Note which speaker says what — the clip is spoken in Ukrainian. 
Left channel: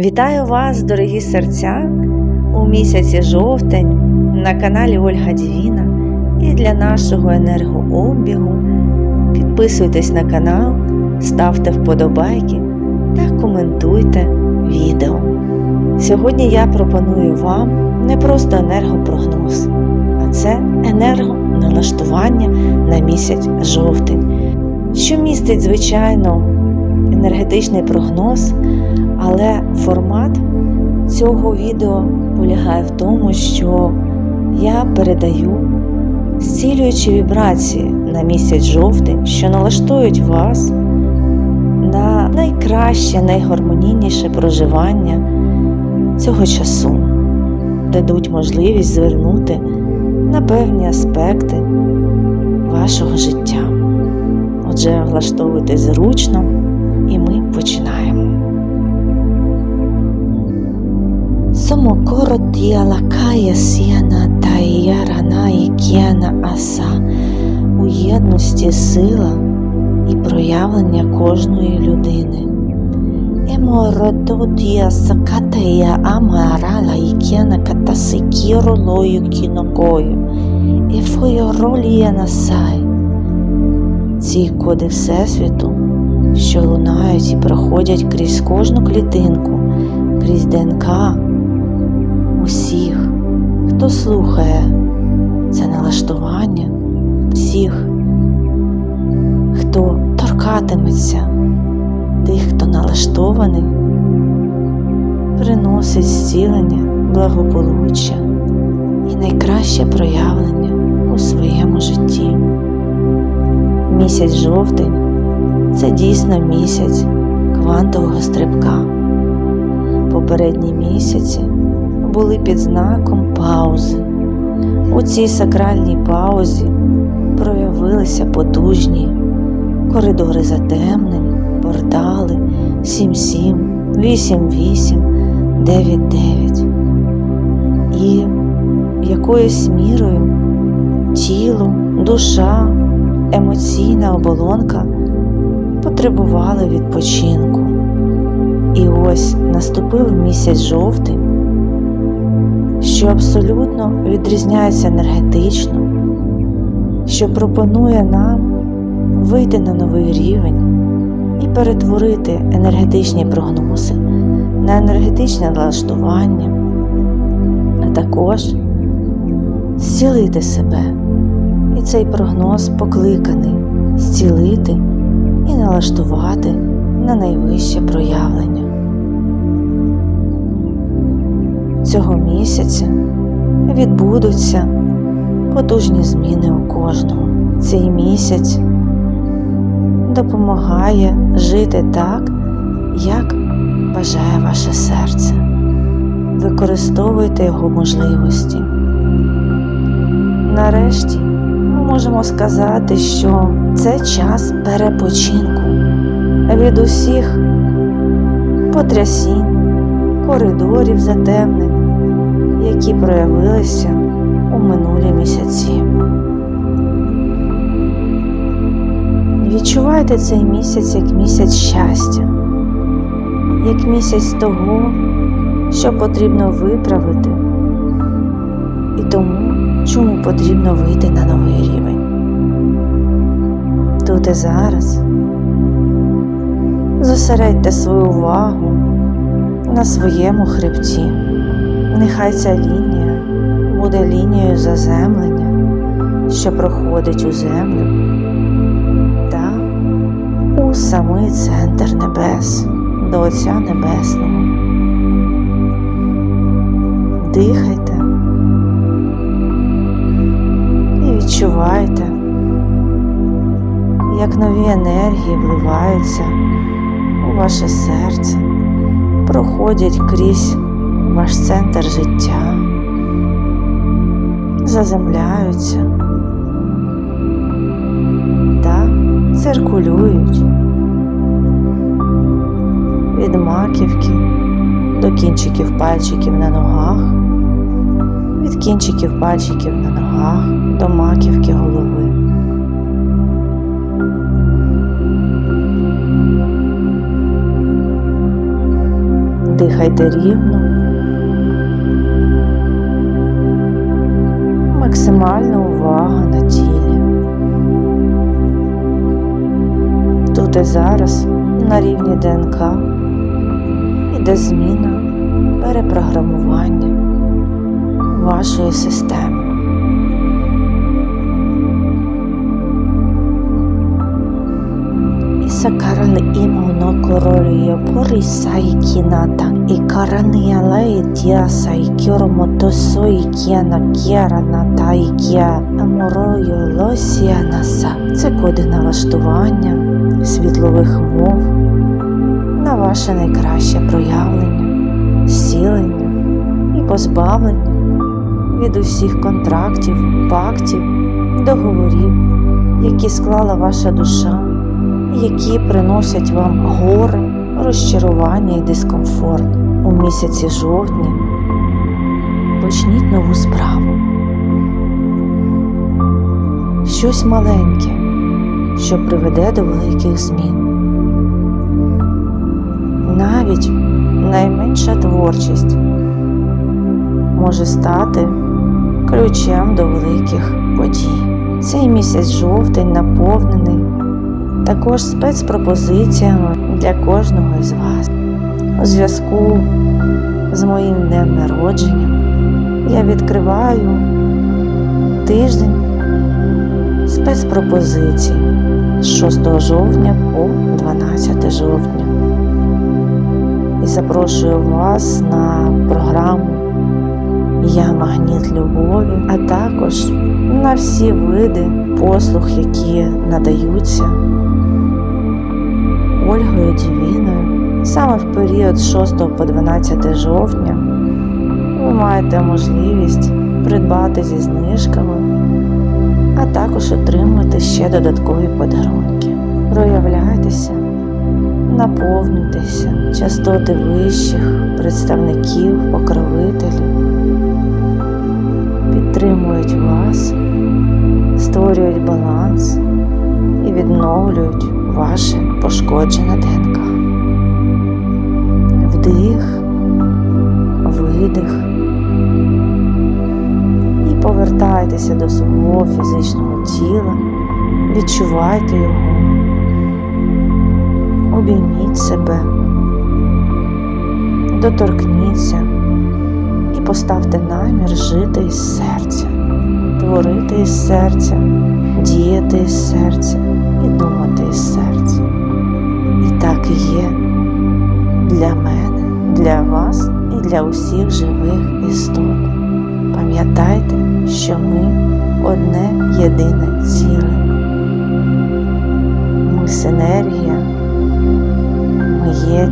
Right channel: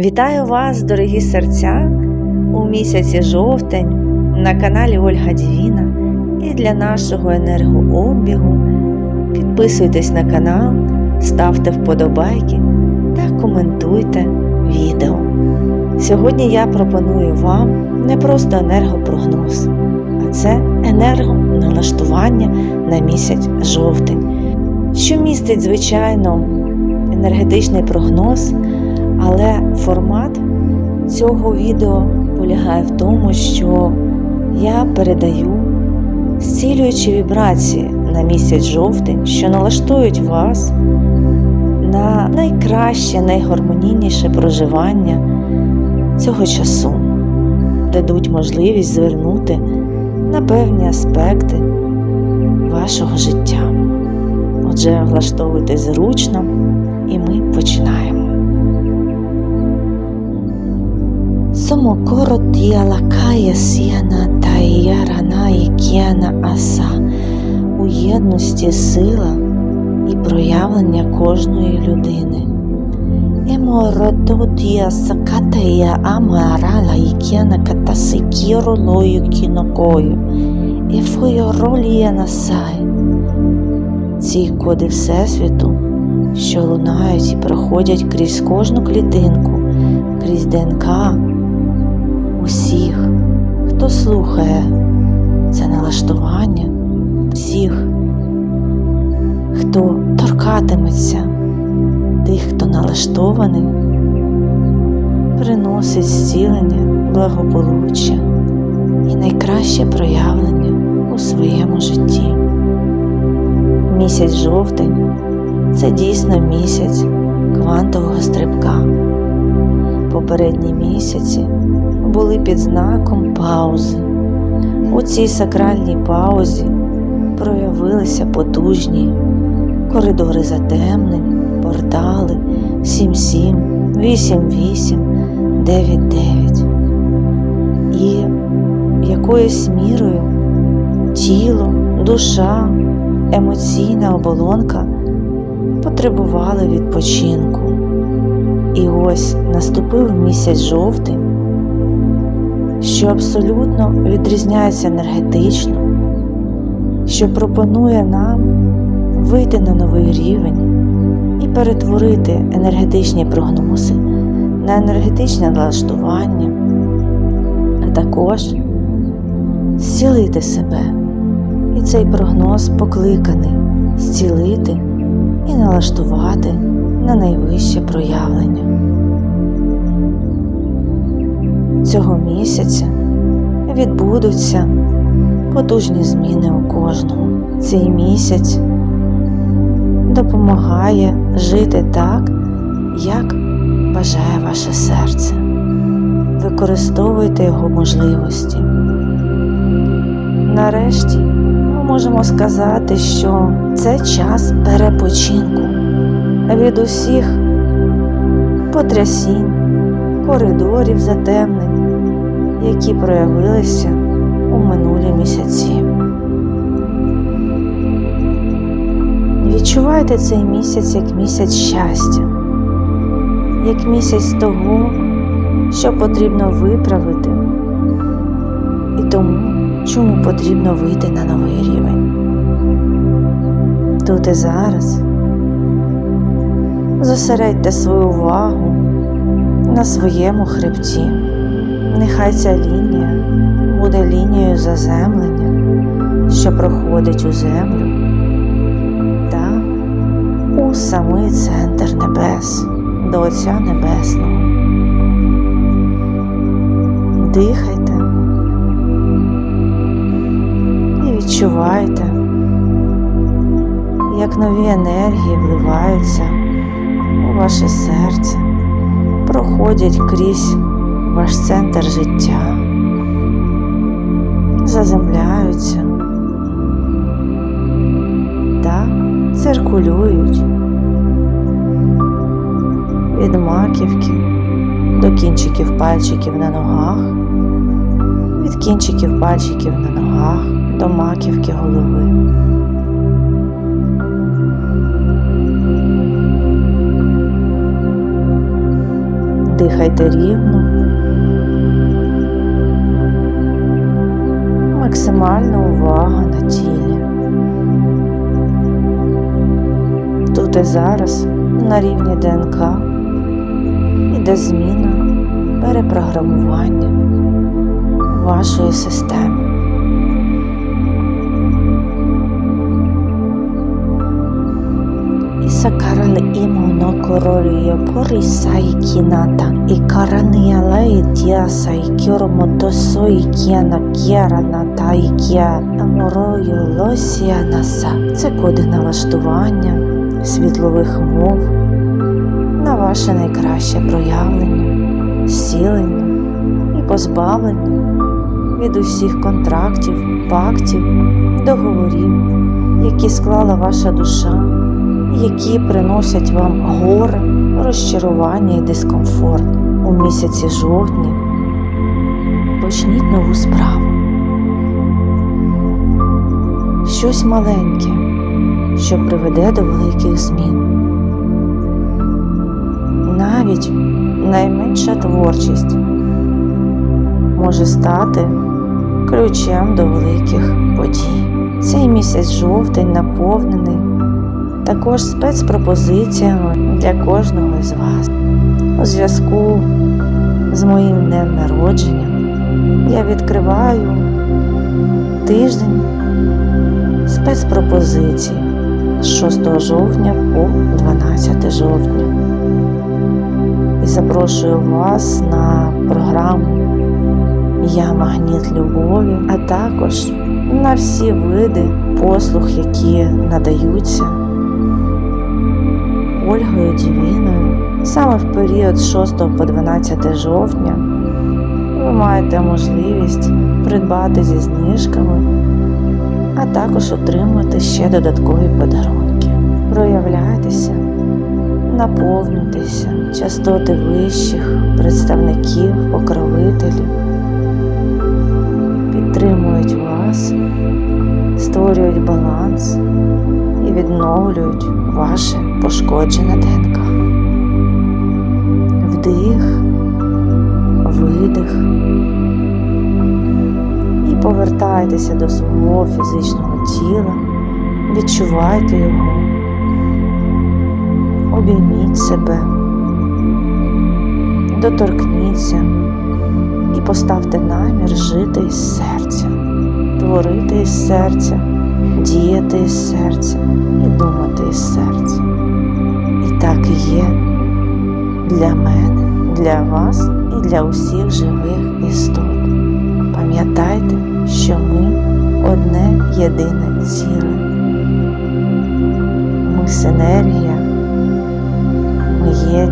Speaker 1: Вітаю вас, дорогі серця, у місяці жовтень на каналі Ольга Дівіна і для нашого енергообігу. Підписуйтесь на канал, ставте вподобайки та коментуйте відео. Сьогодні я пропоную вам не просто енергопрогноз, а це енергоналаштування на місяць жовтень, що містить, звичайно, енергетичний прогноз. Але формат цього відео полягає в тому, що я передаю зцілюючі вібрації на місяць жовтень, що налаштують вас на найкраще, найгармонійніше проживання цього часу, дадуть можливість звернути на певні аспекти вашого життя. Отже, влаштовуйтесь зручно, і ми починаємо. Somokoro tia lakaya сіяна та ярана і кіана аса у єдності сила і проявлення кожної людини. Емородотія сакатая амарала і кіана катасикіро лою кінокою. Ефойоролія насай. Ці коди Всесвіту, що лунають і проходять крізь кожну клітинку, крізь ДНК усіх, хто слухає це налаштування, всіх, хто торкатиметься тих, хто налаштований, приносить зцілення, благополуччя і найкраще проявлення у своєму житті. Місяць жовтень це дійсно місяць квантового стрибка. Попередні місяці були під знаком паузи. У цій сакральній паузі проявилися потужні коридори затемнень, портали 77, 88, 99. І якоюсь мірою тіло, душа, емоційна оболонка потребували відпочинку. І ось наступив місяць жовтень що абсолютно відрізняється енергетично, що пропонує нам вийти на новий рівень і перетворити енергетичні прогнози на енергетичне налаштування, а також зцілити себе. І цей прогноз покликаний зцілити і налаштувати на найвище проявлення. Цього місяця відбудуться потужні зміни у кожного. Цей місяць допомагає жити так, як бажає ваше серце. Використовуйте його можливості. Нарешті ми можемо сказати, що це час перепочинку від усіх потрясінь, коридорів затемнень які проявилися у минулі місяці. Відчувайте цей місяць як місяць щастя, як місяць того, що потрібно виправити, і тому, чому потрібно вийти на новий рівень. Тут і зараз зосередьте свою увагу на своєму хребті. Нехай ця лінія буде лінією заземлення, що проходить у землю та у самий центр небес до Отця Небесного. Дихайте і відчувайте, як нові енергії вливаються у ваше серце, проходять крізь ваш центр життя, заземляються та циркулюють від маківки до кінчиків пальчиків на ногах, від кінчиків пальчиків на ногах до маківки голови. Дихайте рівно. Максимальна увага на тілі. Тут і зараз на рівні ДНК іде зміна перепрограмування вашої системи. Исакарал имуно корорио порисай кината и караниала и диаса и кюрмотосо и кіана кєра ната і кія аморою лосія наса. Це коди налаштування світлових мов на ваше найкраще проявлення, зцілення і позбавлення. Від усіх контрактів, пактів, договорів, які склала ваша душа які приносять вам горе, розчарування і дискомфорт у місяці жовтні. Почніть нову справу. Щось маленьке, що приведе до великих змін. Навіть найменша творчість може стати ключем до великих подій. Цей місяць жовтень наповнений також спецпропозиціями для кожного із вас. У зв'язку з моїм днем народження я відкриваю тиждень спецпропозицій з 6 жовтня по 12 жовтня. І запрошую вас на програму Я Магніт Любові, а також на всі види послуг, які надаються. Ольгою Дівіною саме в період з 6 по 12 жовтня ви маєте можливість придбати зі знижками, а також отримати ще додаткові подарунки. Проявляйтеся, наповнюйтеся частоти вищих представників, покровителів, підтримують вас, створюють баланс і відновлюють ваше пошкоджене ДНК. Вдих, видих. І повертайтеся до свого фізичного тіла, відчувайте його, обійміть себе, доторкніться. І поставте намір жити із серця, творити із серця, діяти із серця і думати із серця. І так і є для мене, для вас і для усіх живих істот. Пам'ятайте, що ми одне єдине ціле. Ми синергія, ми є